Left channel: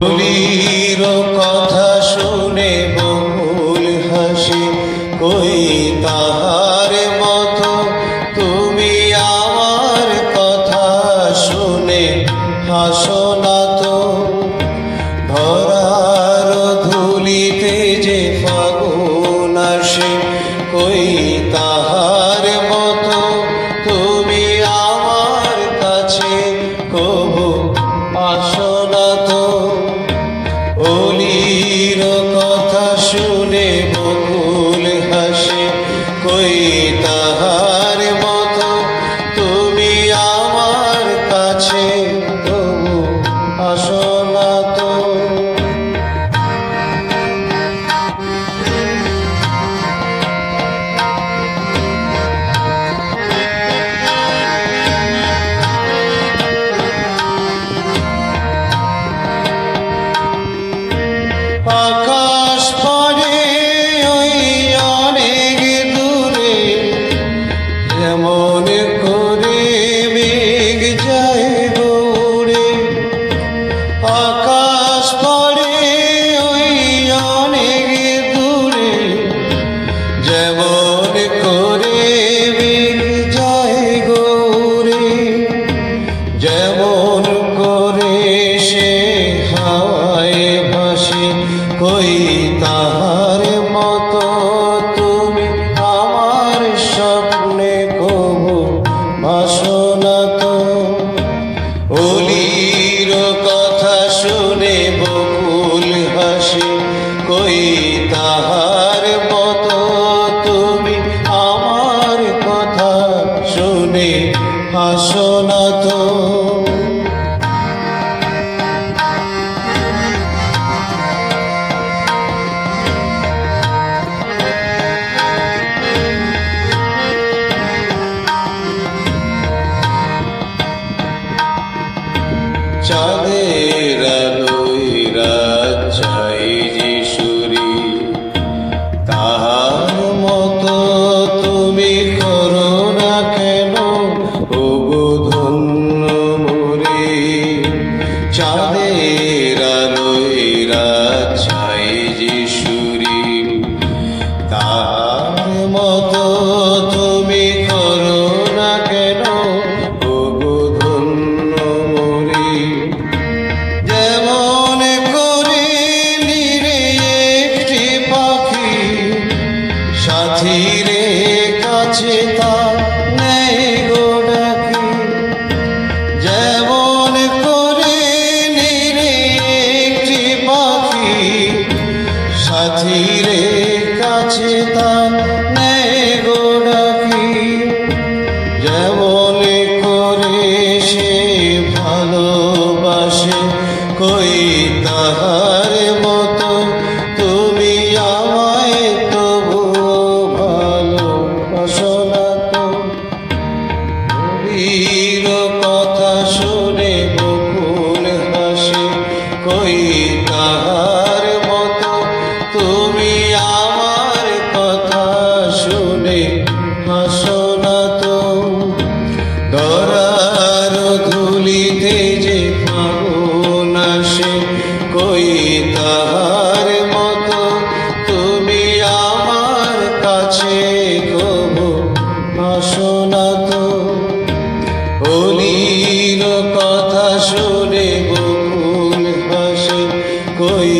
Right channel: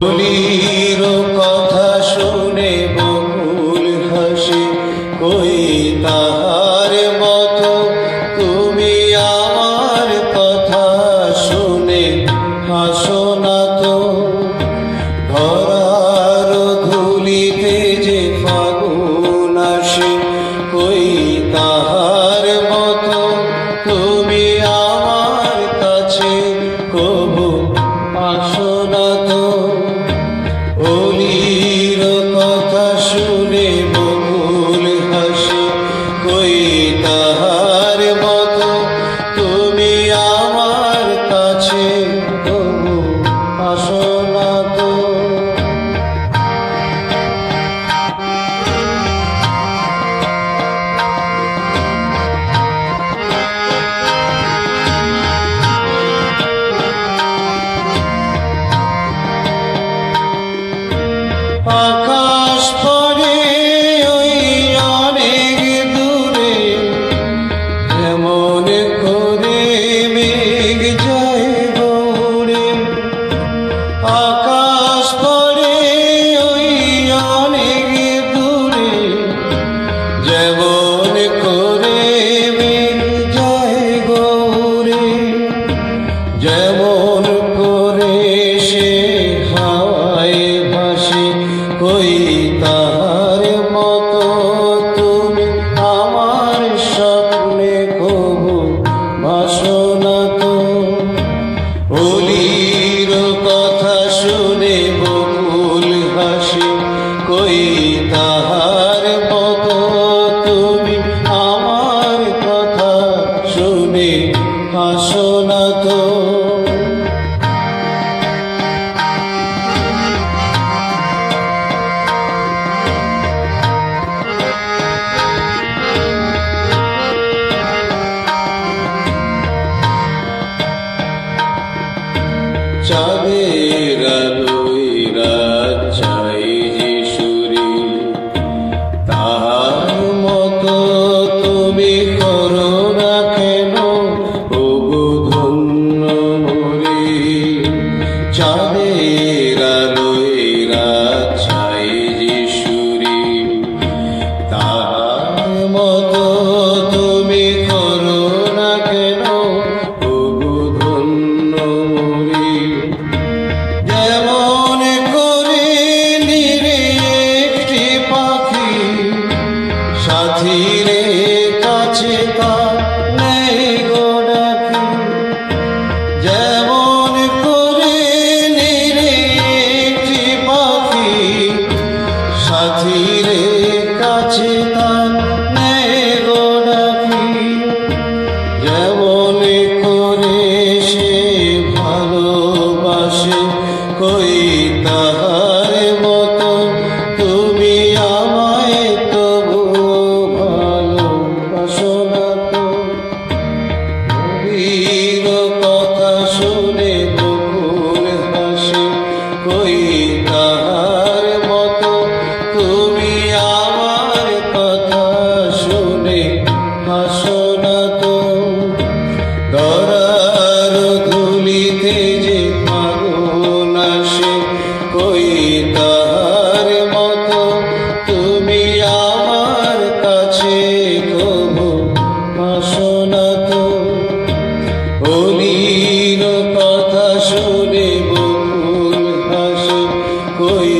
বলির কথা শুনে বকুল হাসে, কই তাহার মতো তুমি আমার কথা শুনে হাসো না তো। ধরার ধুলিতে যে ফাগুন আসে, কই তাহার মতো তুমি আমার কাছে কবু আসো না তো। অলির কথা শুনে বকুল হাসে, কই তাহার মতো তুমি আমার কাছে তবু আসো না তো। আকাশ পরে ওই অনেক দূরে, যেমন করে মেঘ যায় দৌড়ে। আকাশ পরে ওই অনেক দূরে, যেমন করে মেঘ যায় গৌরে। যেমন করে সে হাওয়ায় ভাসে, কই তাহার মতো তুমি আমার স্বপ্নে কবু ভাসো না তো। অলির কথা শুনে বকুল হাসে, কই তাহার মতো তুমি আমার কথা শুনে হাসো না তো। চাঁদের আলোয় রাত চাই যে সুরি, তাহার মতো তুমি করো না কেন ওগো ধন্য মোরে। চাঁদের আলোয় রাত চাই যে সুরি, তাহার মতো তুমি করো না কেন ওগো ধন্য মোরে। যেমন করে নিরে একটি পাখি সাথীরে কাছে তার নেই গো ডাকি। যেমন করে নিরে একটি পাখি সাথীরে কাছে তার নেই গো ডাকি। যেমন করে সে ভালোবাসে, কই তাহার মতো তুমি আমায় তবু ভালোবাসো না তো। অলির কথা শুনে বকুল হাসে, কই তাহার মতো তুমি আমার কথা শুনে হাসো না তো। ধরার ধুলিতে যে ফাগুন আসে, কই তাহার মতো তুমি আমার কাছে কবু আসো না তো। অলির কথা শুনে বকুল হাসে, কই